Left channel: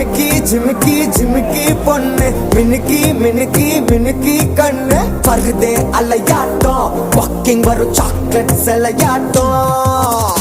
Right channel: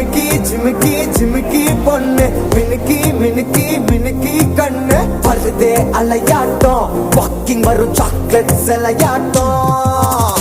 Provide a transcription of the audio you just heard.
ஜிமிக்கி ஜிமிக்கி ஜிமிக்கி பொண்ணு மினுக்கி மினுக்கி மினுக்கி கண்ணு வருதே அலையாட்டம் வாக்கிங் வரும் சாக்லேட் சிலையாட்டம்